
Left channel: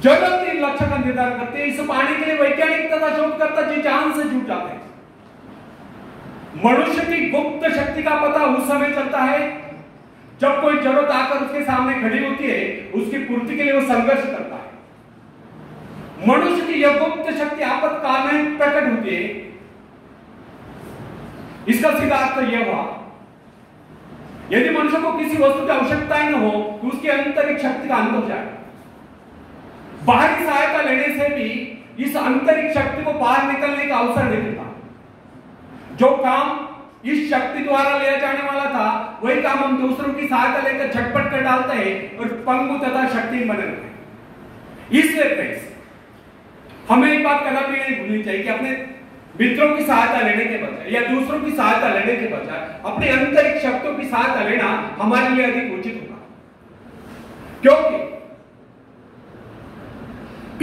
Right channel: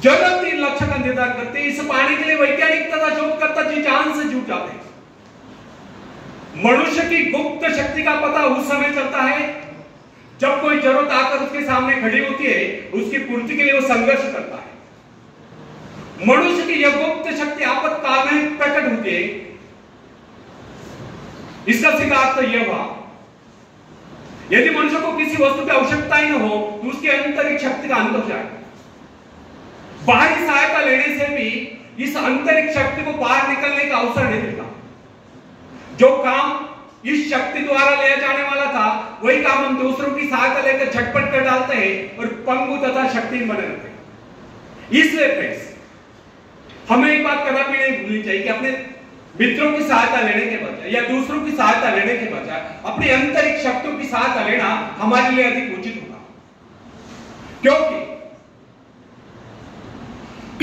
जरूरत ही लक्ष्य का निर्धारण करते हैं। इसे पाने के लिए वैज्ञानिक तथा शोधकर्ता जी जान से जुट जाते हैं। मनुष्य की गुप्त शक्ति का पता उस समय चलता है जब कोई जरूरत आकर उसके सामने खड़ी होती है। उसकी पूर्ति के लिए वो संघर्ष करता है। मनुष्य की यह गुप्त शक्ति आपातकाल में प्रकट होती है। इसका सीधा अर्थ यह हुआ, यदि मनुष्य को किसी वस्तु की आवश्यकता ही न हो, तो उसकी आंतरिक शक्ति का अंत हो जाएगा। बाहरी सहायता लेने से भी इस आंतरिक शक्ति को बाहर निकलने का अवसर नहीं देता। जो काम इस शक्ति द्वारा लिया जाने वाला था, वही काम हम दूसरों की सहायता लेकर झटपट कर डालते हैं और पंगु तथा शक्तिहीन बने रहते हैं। इसलिए फ्रेंड्स, हमें एक बात कदापि नहीं भूलनी चाहिए कि अपने मित्रों की सहायता लेने के बजाय या दूसरों की सहायता लेने के बजाय अपनी आंतरिक शक्तियों की सहायता लेना हमारे लिए अधिक उचित होगा। क्योंकि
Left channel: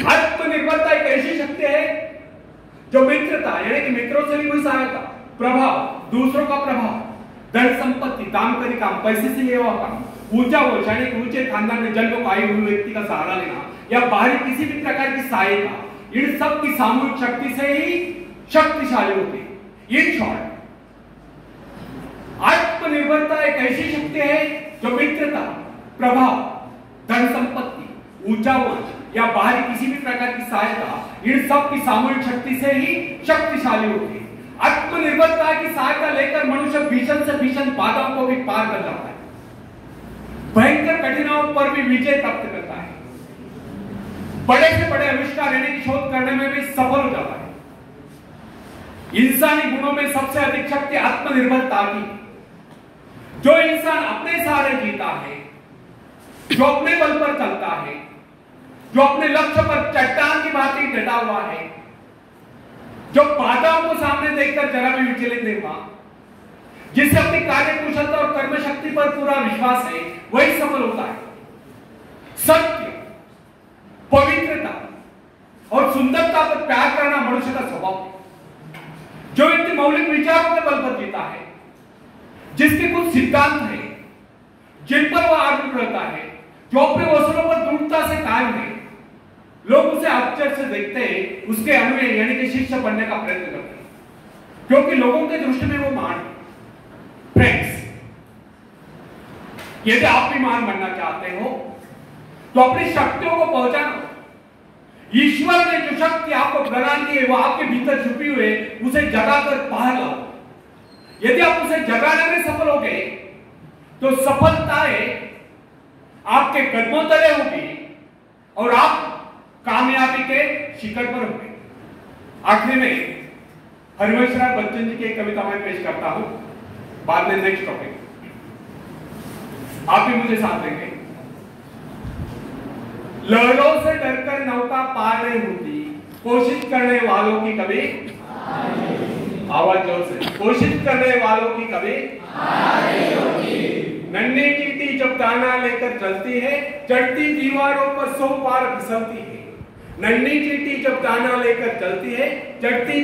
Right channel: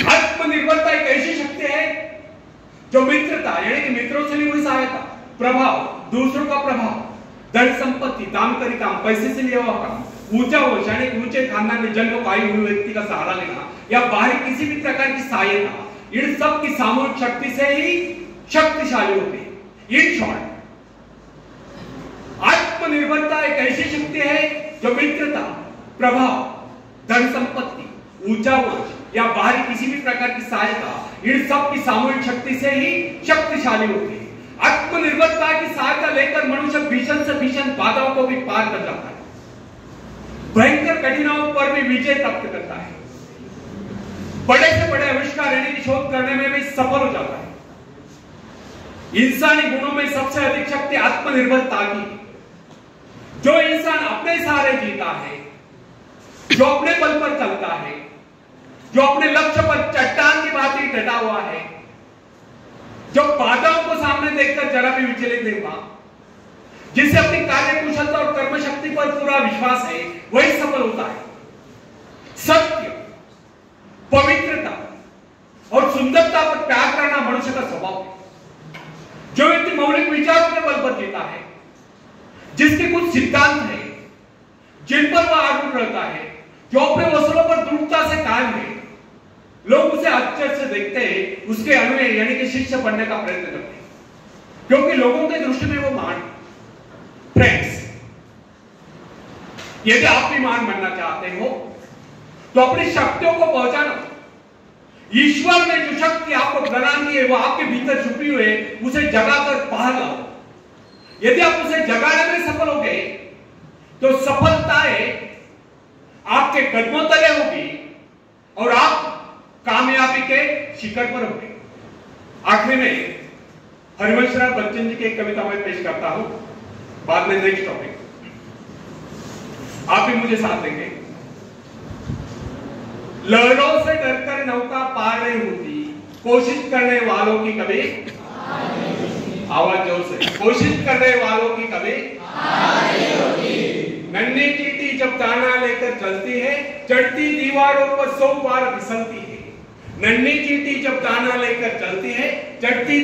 आत्मनिर्भरता एक ऐसी शक्ति है जो मित्रता यानी कि मित्रों से भी हुई सहायता, प्रभाव, दूसरों का प्रभाव, धन संपत्ति, काम करी काम, पैसे से लिया हुआ काम, ऊंचा हो यानी कि ऊंचे खानदान में जन्म को आयु हुए व्यक्ति का सहारा लेना या बाहरी किसी भी प्रकार की सहायता, इन सब की सामूहिक शक्ति से ही शक्तिशाली होते हैं। इन शॉर्ट, आत्मनिर्भरता एक ऐसी शक्ति है जो मित्रता, प्रभाव, धन संपत्ति, ऊंचा वंश या बाहरी किसी भी प्रकार की सहायता, इन सब की सामूहिक शक्ति से ही शक्तिशाली होती है। आत्मनिर्भरता की सहायता लेकर मनुष्य भीषण से भीषण बाधाओं को भी पार कर जाता है, भयंकर कठिनाइयों पर भी विजय प्राप्त करता है, बड़े से बड़े आविष्कार यानी कि शोध करने में भी सफल हो जाता है। इंसानी गुणों में सबसे अधिक शक्ति आत्मनिर्भरता की। जो इंसान अपने सहारे जीता है, जो अपने बल पर चलता है, जो अपने लक्ष्य पर चट्टान की भांति डटा हुआ है, जो बाधाओं को सामने देखकर जरा भी विचलित नहीं हुआ, जिसे अपनी कार्य कुशलता और कर्म शक्ति पर पूरा विश्वास है, वही सफल होता है। सत्य, पवित्रता और सुंदरता पर प्यार करना मनुष्य का स्वभाव है। जो व्यक्ति मौलिक विचारों के बल पर जीता है, जिसके कुछ सिद्धांत है जिन पर वह आरूढ़ रहता है, जो अपने वसूलों पर दृढ़ता से कायम है, लोग उसे आश्चर्य से देखते हैं, उसके अनुयायी यानी कि शिष्य बनने का प्रयत्न करते हैं, क्योंकि लोगों की दृष्टि में वो महान है। फ्रेंड्स, यदि आप भी महान बनना चाहते हो तो अपनी शक्तियों को पहचानो। ईश्वर ने जो शक्ति आपको प्रदान की है, वो आपके भीतर छुपी हुई है, उसे जगाकर बाहर लाओ। यदि आप उसे जगाने में सफल हो गए तो सफलताएं आपके कदमों तले होगी और आप कामयाबी के शिखर पर होंगे। आखिर में हरिवंश राय बच्चन जी की एक कविता मैं पेश करता हूं, बाद में नेक्स्ट टॉपिक। आप भी मुझे साथ देंगे। लहरों से डरकर नौका पार नहीं होती, कोशिश करने वालों की कभी, आवाज जोर से, कोशिश करने वालों की कभी नन्ही चींटी जब दाना लेकर चलती है, चढ़ती दीवारों पर 100 बार फिसलती है। नन्ही चींटी जब दाना लेकर चलती है, चढ़ती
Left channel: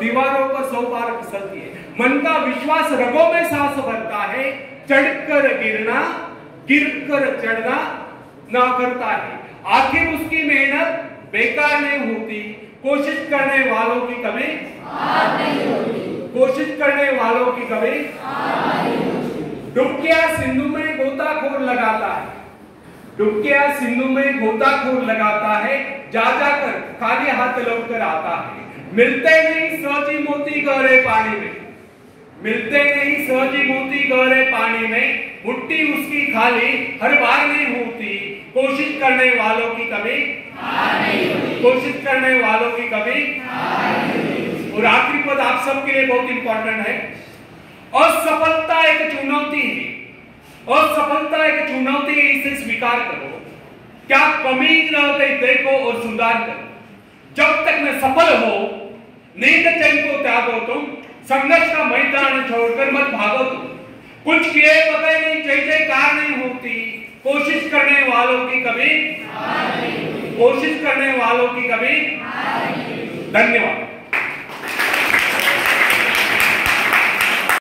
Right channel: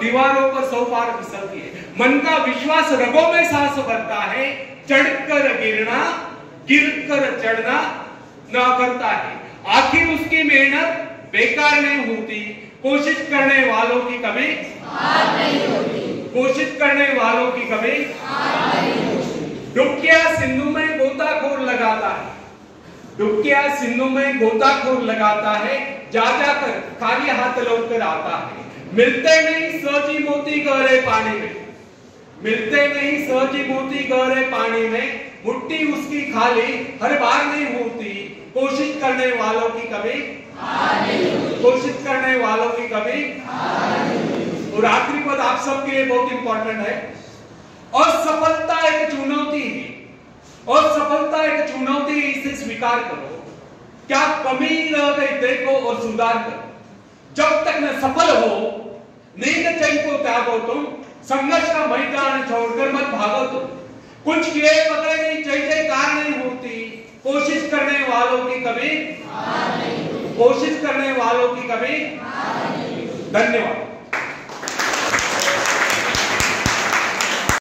दीवारों पर 100 बार फिसलती है। मन का विश्वास रगों में सांस भरता है, चढ़कर गिरना, गिरकर चढ़ना ना करता है। आखिर उसकी मेहनत बेकार नहीं होती, कोशिश करने वालों की कभी हार नहीं होती, कोशिश करने वालों की कभी हार नहीं होती। डुबकिया सिंधु में गोताखोर लगाता है, डुबकिया सिंधु में गोताखोर लगाता है, जा जाकर खाली हाथ लौट कर आता है। मिलते नहीं सहजी मोती गहरे पानी में, मिलते नहीं सहजी मोती गहरे पानी में, मुट्ठी उसकी खाली हर बार नहीं होती, कोशिश करने वालों की कभी हार नहीं होती, कोशिश करने वालों की कभी हार नहीं होती। और आखिरी पद आप सबके लिए बहुत इंपॉर्टेंट है। असफलता एक चुनौती है, असफलता एक चुनौती है, इसे स्वीकार करो। क्या कमी रह गई देखो और सुधार करो। जब तक न सफल हो, नींद चैन को त्यागो तुम, संघर्ष का मैदान छोड़कर मत भागो तुम। कुछ किए बगैर जय जयकार नहीं होती, कोशिश करने वालों की कभी, कोशिश करने वालों की कभी। धन्यवाद।